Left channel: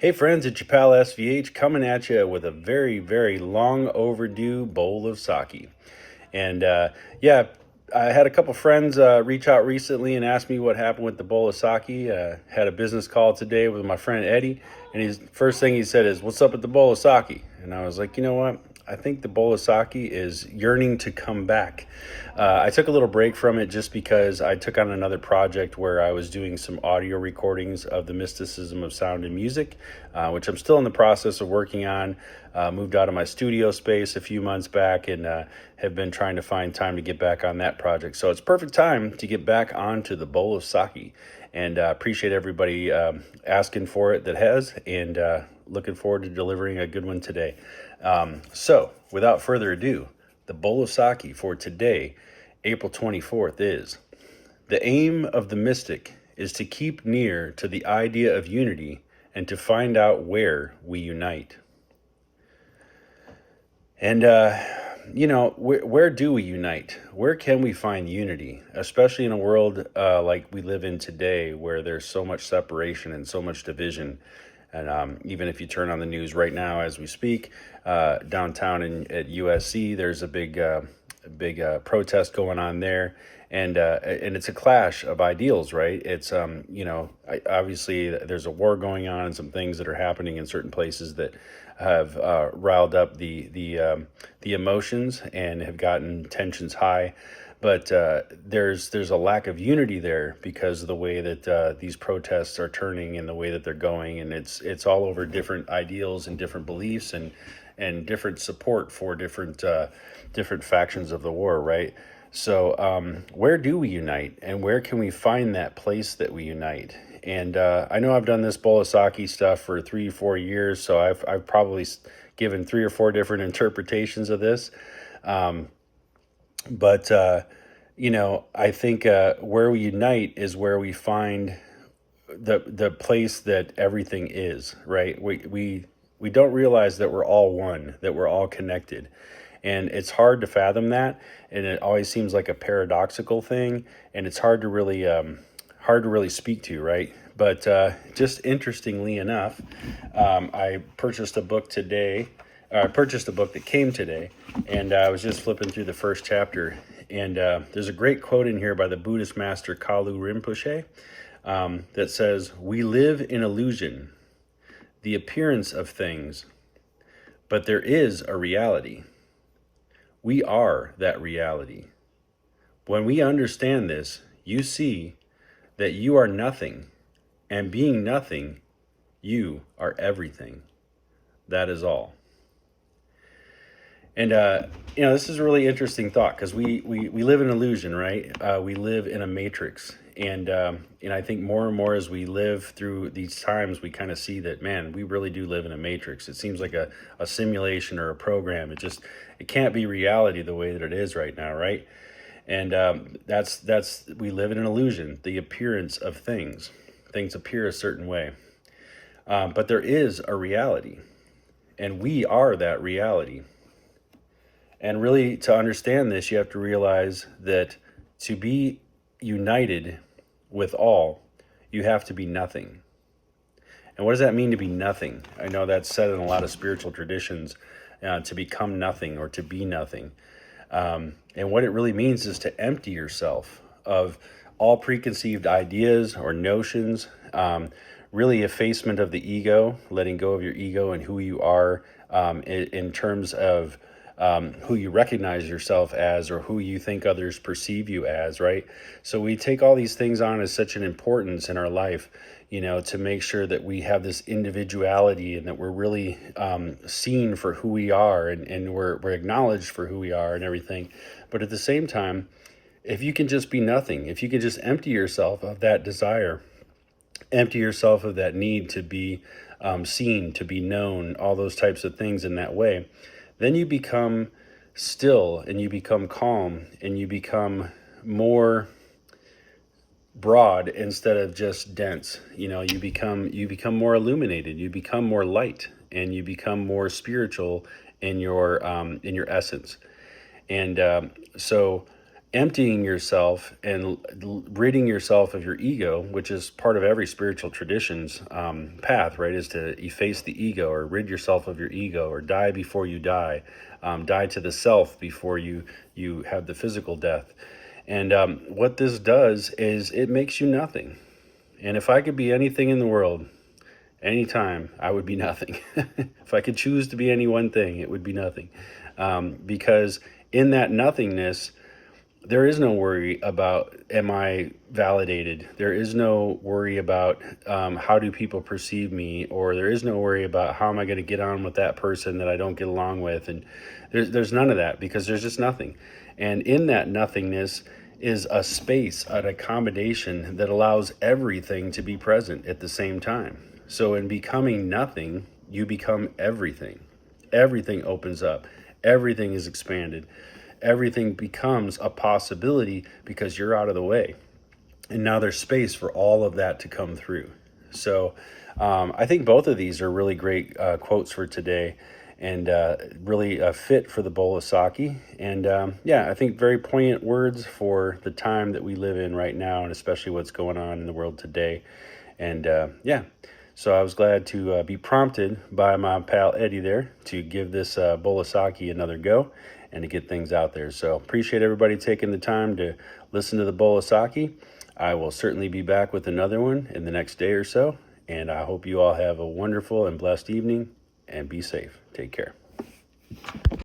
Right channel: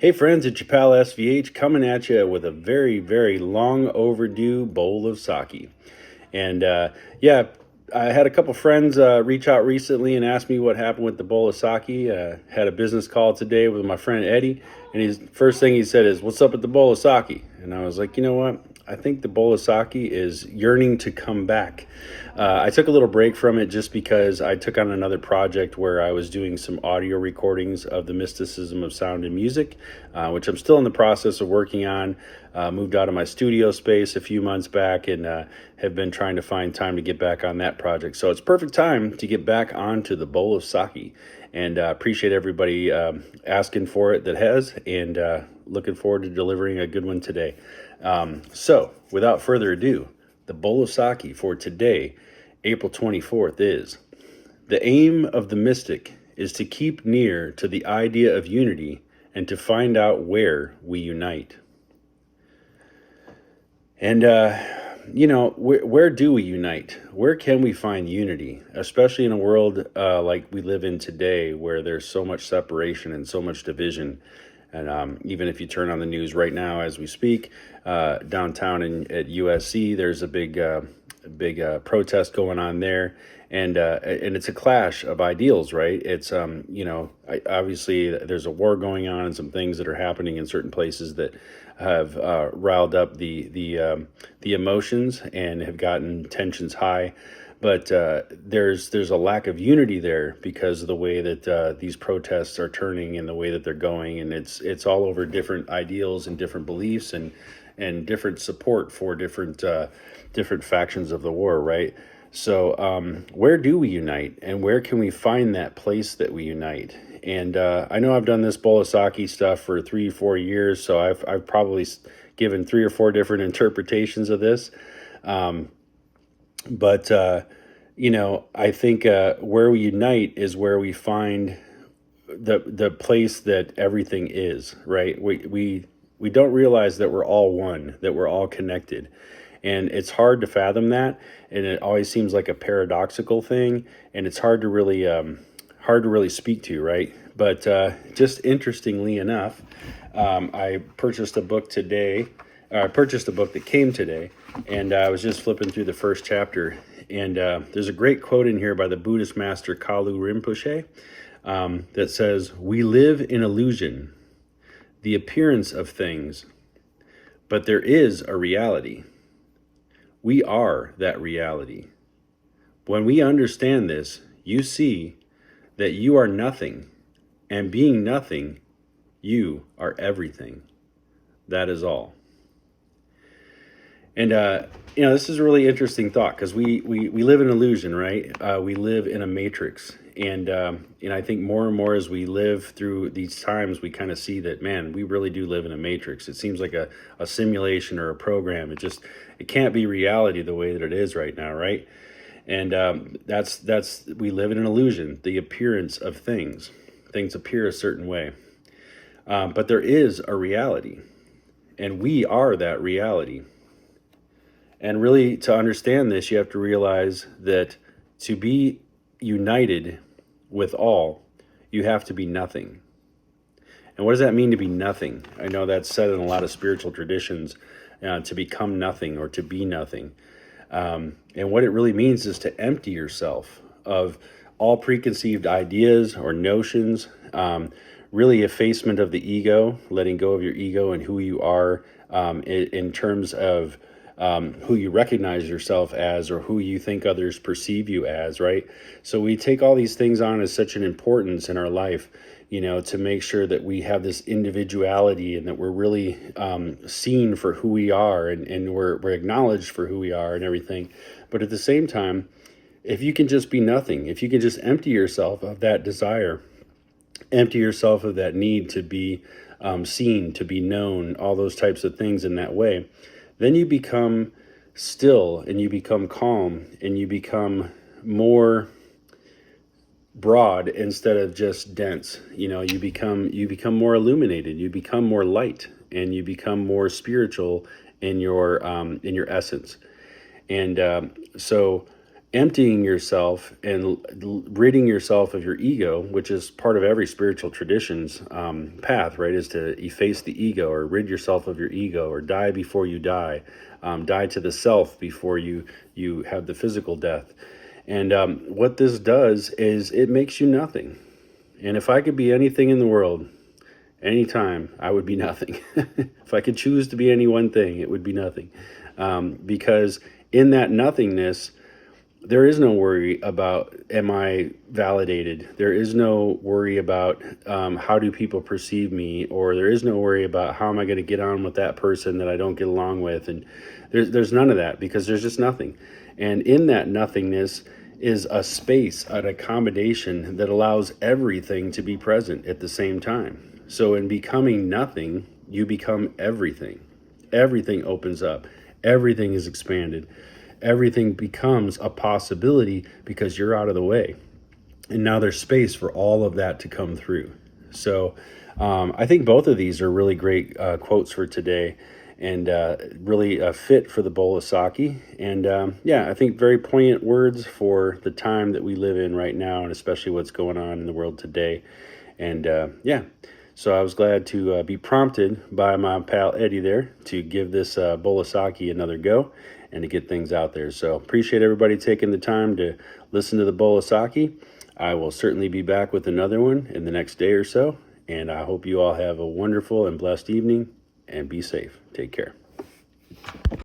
Hey friends, it's your pal SVH coming at you with a very, very long overdue bowl of sake. And yeah, I had a couple friends reach out recently and ask me what happened with the bowl of sake. Had a business call today with my friend Eddie, and his first thing he said is, "What's up with the bowl of sake?" And I was like, you know what? I think the bowl of sake is yearning to come back. I took a little break from it just because I took on another project where I was doing some audio recordings of the mysticism of sound and music, which I'm still in the process of working on. Moved out of my studio space a few months back and have been trying to find time to get back on that project. So it's perfect time to get back onto the bowl of sake. And appreciate everybody asking for it that has, and looking forward to delivering a good one today. So without further ado, the bowl of sake for today, April 24th, is: the aim of the mystic is to keep near to the idea of unity and to find out where we unite. And, where do we unite? Where can we find unity, especially in a world like we live in today, where there's so much separation and so much division? And even if you turn on the news right now as we speak, downtown at USC, there's a big protest going on there, and it's a clash of ideals, right? It's obviously there's a war going on and some things that are happening in certain places that have riled up the emotions and have gotten tensions high. But there's a lack of unity there because of the way that these protests are turning and the way that they're going, and it's all over different ideals and different beliefs and different support for different factions of the war, right? So where do we unite, and where can we find that place that we unite? And I know I've done this bowl of sake stuff for 3 or 4 years, so I've probably given 3 or 4 different interpretations of this. But I think where we unite is where we find the place that everything is, right? We don't realize that we're all one, that we're all connected. And it's hard to fathom that, and it always seems like a paradoxical thing, and it's hard to really speak to, right? But just interestingly enough, I purchased a book today. I purchased a book that came today, and I was just flipping through the first chapter, and there's a great quote in here by the Buddhist master Kalu Rinpoche that says, "We live in illusion, the appearance of things, but there is a reality. We are that reality. When we understand this, you see that you are nothing, and being nothing, you are everything. That is all." And, this is a really interesting thought, because we live in illusion, right? We live in a matrix. And I think more and more as we live through these times, we kind of see that, man, we really do live in a matrix. It seems like a simulation or a program. It can't be reality the way that it is right now, right? And we live in an illusion, the appearance of things. Things appear a certain way. But there is a reality, and we are that reality. And really, to understand this, you have to realize that to be united with all, you have to be nothing. And what does that mean, to be nothing? I know that's said in a lot of spiritual traditions, to become nothing or to be nothing. And what it really means is to empty yourself of all preconceived ideas or notions, really effacement of the ego, letting go of your ego and who you are in terms of who you recognize yourself as, or who you think others perceive you as, right? So we take all these things on as such an importance in our life, to make sure that we have this individuality and that we're really seen for who we are, and we're acknowledged for who we are and everything. But at the same time, if you can just be nothing, if you can just empty yourself of that desire, empty yourself of that need to be seen, to be known, all those types of things in that way, then you become still, and you become calm, and you become more broad instead of just dense. You become more illuminated, you become more light, and you become more spiritual in your essence. And so emptying yourself and ridding yourself of your ego, which is part of every spiritual tradition's path, right? Is to efface the ego or rid yourself of your ego or die before you die, die to the self before you have the physical death. And what this does is it makes you nothing. And if I could be anything in the world, anytime, I would be nothing. If I could choose to be any one thing, it would be nothing. Because in that nothingness, there is no worry about, am I validated? There is no worry about how do people perceive me, or there is no worry about how am I going to get on with that person that I don't get along with. And there's none of that, because there's just nothing. And in that nothingness is a space, an accommodation that allows everything to be present at the same time. So in becoming nothing, you become everything. Everything opens up. Everything is expanded. Everything becomes a possibility because you're out of the way. And now there's space for all of that to come through. So I think both of these are really great quotes for today, and really fit for the Bowl of Saki. And yeah, I think very poignant words for the time that we live in right now, and especially what's going on in the world today. And yeah, so I was glad to be prompted by my pal Eddie there to give this Bowl of Saki another go and to get things out there. So appreciate everybody taking the time to listen to the Bowl of Saki. I will certainly be back with another one in the next day or so. And I hope you all have a wonderful and blessed evening, and be safe. Take care.